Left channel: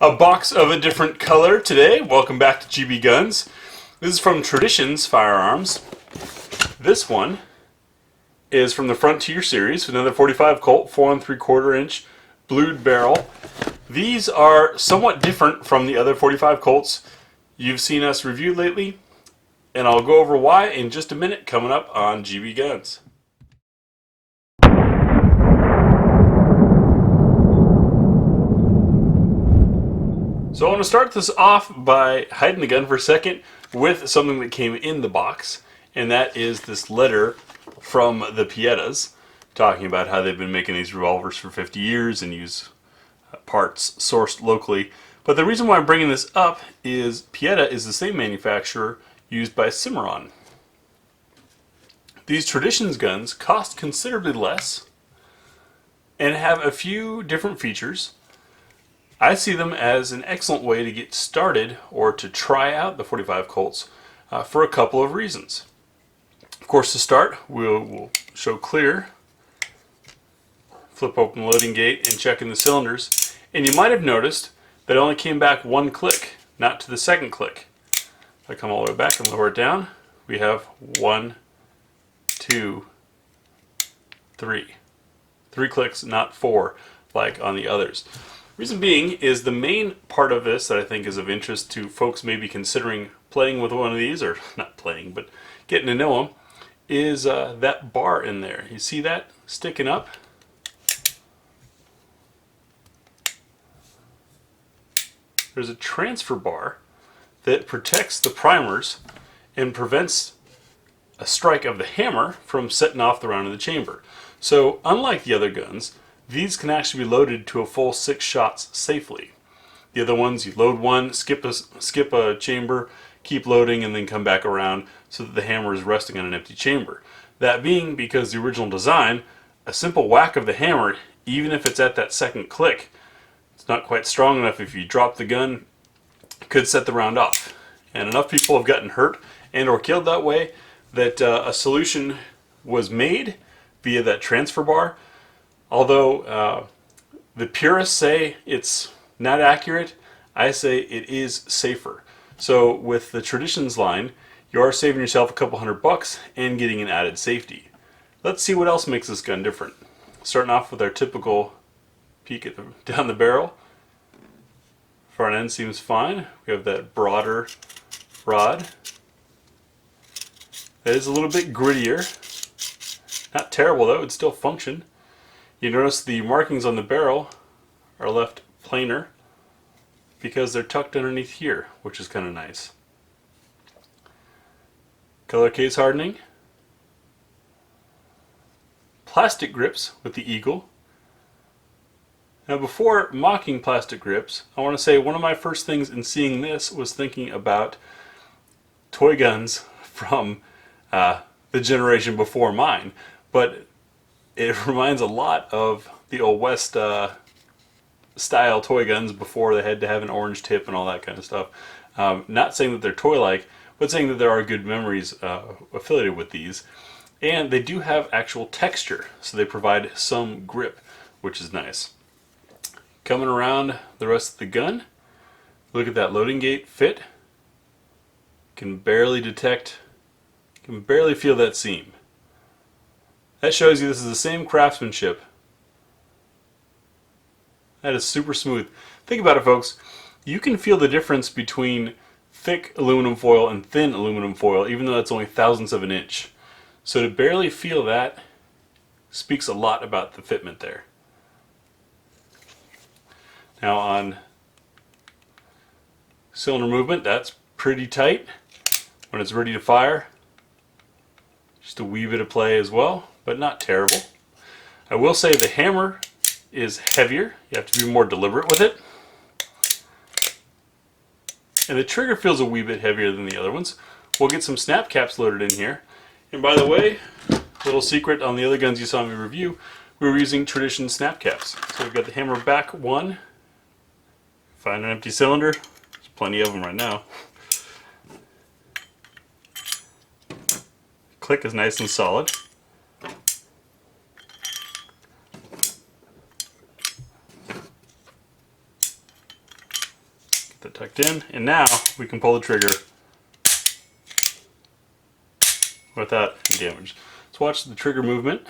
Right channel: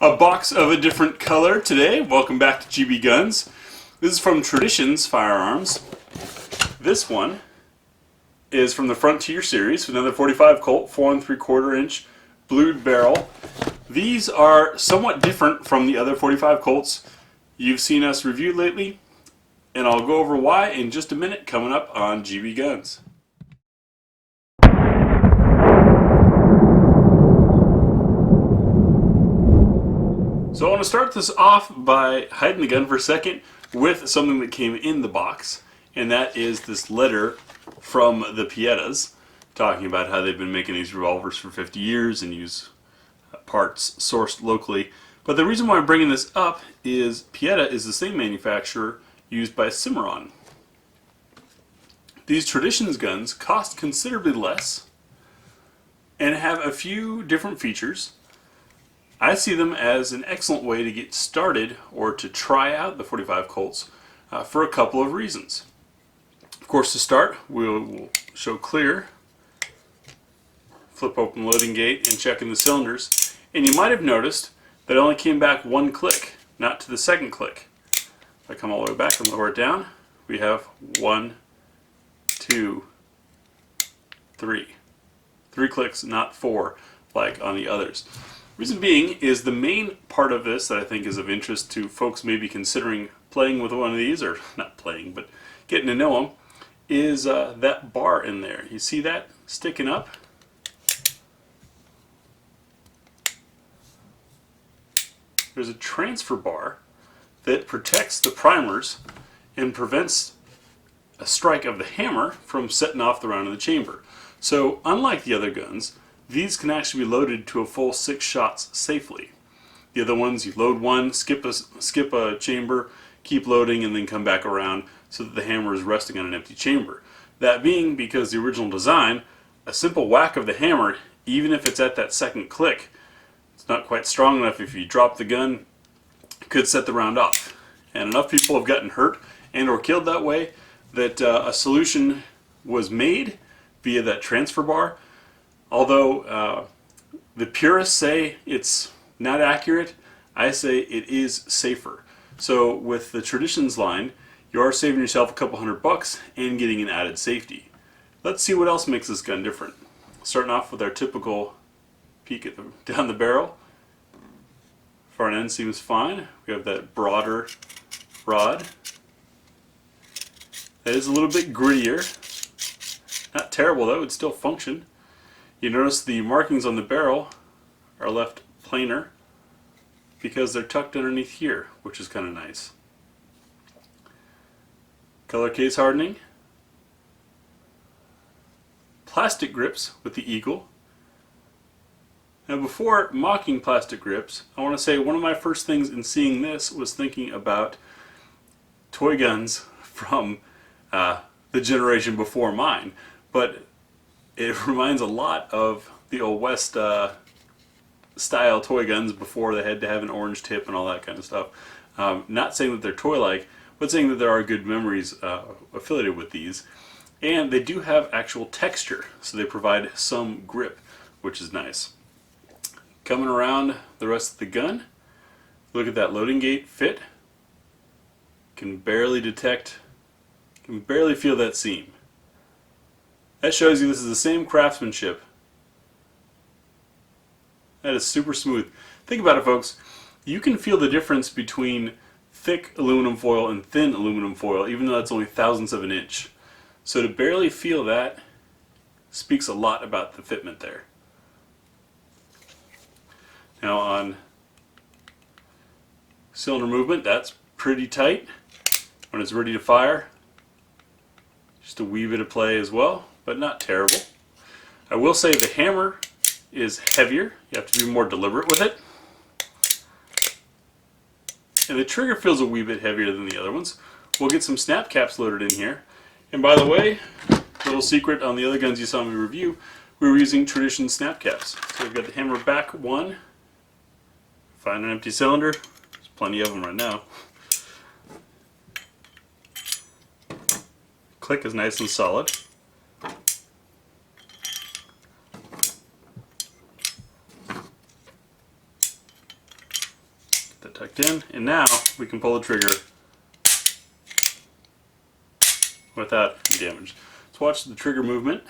A box of a different color today. Welcome back to GBGuns. This is from Traditions Firearms. This one is from the Frontier series, another 45 Colt, 4 3/4 inch blued barrel. These are somewhat different from the other 45 Colts you've seen us review lately, and I'll go over why in just a minute coming up on GBGuns. So I want to start this off by hiding the gun for a second with something that came in the box, and that is this letter from the Piettas talking about how they've been making these revolvers for 50 years and use parts sourced locally. But the reason why I'm bringing this up is Pietta is the same manufacturer used by Cimarron. These Traditions guns cost considerably less and have a few different features. I see them as an excellent way to get started or to try out the 45 Colts for a couple of reasons. Of course, to start, we'll show clear, flip open the loading gate, and check in the cylinders. And you might have noticed that it only came back one click, not to the second click. If I come all the way back and lower it down, we have 1, 2, 3. 3 clicks, not 4, like on the others. Reason being is the main part of this that I think is of interest to folks maybe considering playing with one of these, or not playing, but getting to know them, is that bar in there. You see that sticking up? There's a transfer bar that protects the primers and prevents a strike of the hammer from setting off the round in the chamber. So unlike the other guns, these can actually be loaded to a full 6 shots safely. The other ones, you load one, skip a chamber, keep loading, and then come back around so that the hammer is resting on an empty chamber. That being because the original design, a simple whack of the hammer, even if it's at that second click, it's not quite strong enough. If you drop the gun, it could set the round off. And enough people have gotten hurt and or killed that way that a solution was made via that transfer bar. Although the purists say it's not accurate, I say it is safer. So with the Traditions line, you are saving yourself a couple $100 and getting an added safety. Let's see what else makes this gun different. Starting off with our typical peek at down the barrel. Front end seems fine. We have that broader rod. That is a little bit grittier. Not terrible though, it would still function. You notice the markings on the barrel are left plainer because they're tucked underneath here, which is kind of nice. Color case hardening. Plastic grips with the eagle. Now before mocking plastic grips, I want to say one of my first things in seeing this was thinking about toy guns from the generation before mine. But it reminds a lot of the old West style toy guns before they had to have an orange tip and all that kind of stuff. Not saying that they're toy-like, but saying that there are good memories affiliated with these. And they do have actual texture, so they provide some grip, which is nice. Coming around the rest of the gun, look at that loading gate fit. Can barely detect, can barely feel that seam. That shows you this is the same craftsmanship. That is super smooth. Think about it, folks. You can feel the difference between thick aluminum foil and thin aluminum foil, even though that's only thousandths of an inch. So to barely feel that speaks a lot about the fitment there. Now on cylinder movement, that's pretty tight. When it's ready to fire, just a wee bit of play as well, but not terrible. I will say the hammer is heavier. You have to be more deliberate with it. And the trigger feels a wee bit heavier than the other ones. We'll get some snap caps loaded in here. And by the way, little secret on the other guns you saw me review, we were using Tradition snap caps. So we've got the hammer back one. Find an empty cylinder. There's plenty of them right now. Click is nice and solid. that tucked in, and now we can pull the trigger without any damage. Let's watch the trigger movement.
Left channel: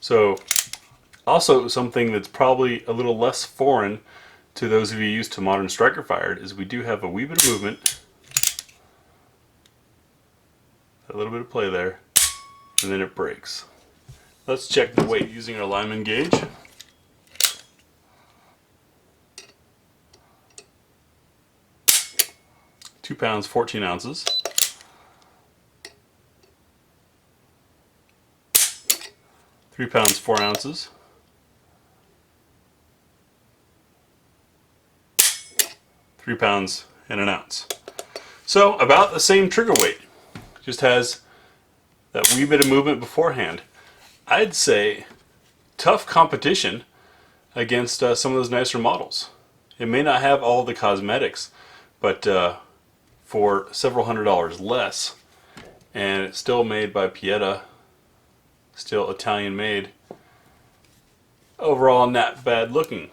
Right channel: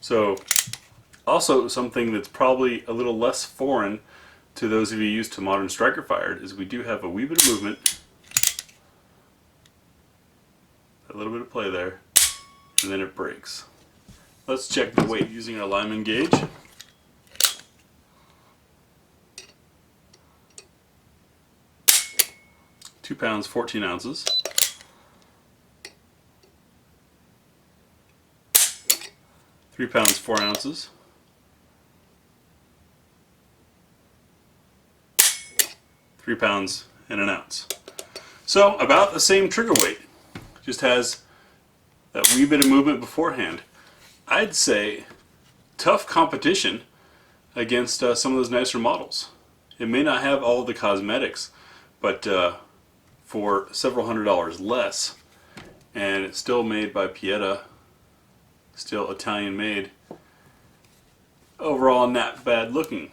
So, also something that's probably a little less foreign to those of you used to modern striker fired is we do have a wee bit of movement, a little bit of play there, and then it breaks. Let's check the weight using our Lyman gauge. £2, 14 ounces. 3 pounds, 4 ounces. 3 pounds and an ounce. So about the same trigger weight. Just has that wee bit of movement beforehand. I'd say tough competition against some of those nicer models. It may not have all the cosmetics, but for several $100s less, and it's still made by Pieta, still Italian made, overall not bad looking.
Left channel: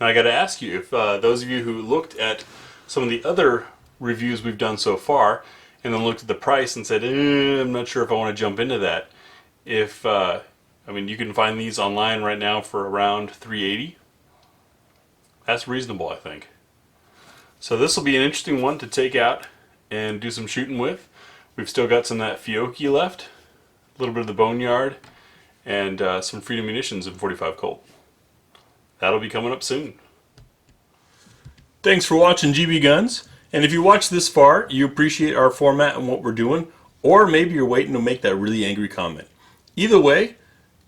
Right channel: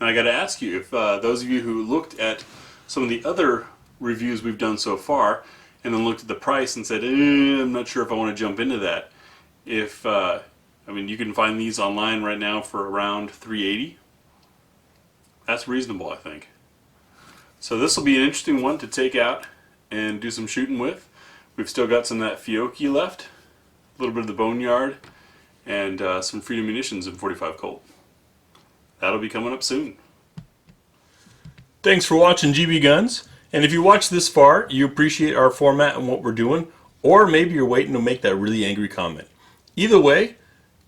Now I got to ask you, if those of you who looked at some of the other reviews we've done so far and then looked at the price and said, I'm not sure if I want to jump into that. If I mean, you can find these online right now for around $380. That's reasonable, I think. So this will be an interesting one to take out and do some shooting with. We've still got some of that Fiocchi left, a little bit of the Boneyard, and some Freedom Munitions in 45 Colt. That'll be coming up soon. Thanks for watching GB Guns. And if you watched this far, you appreciate our format and what we're doing, or maybe you're waiting to make that really angry comment. Either way,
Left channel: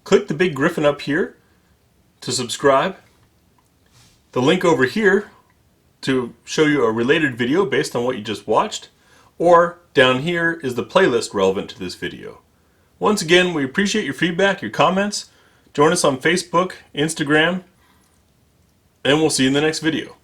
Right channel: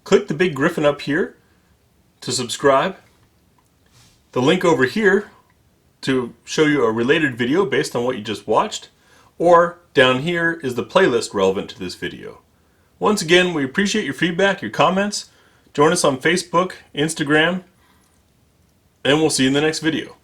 click the big griffin up here to subscribe. The link over here to show you a related video based on what you just watched, or down here is the playlist relevant to this video. Once again, we appreciate your feedback, your comments. Join us on Facebook, Instagram, and we'll see you in the next video.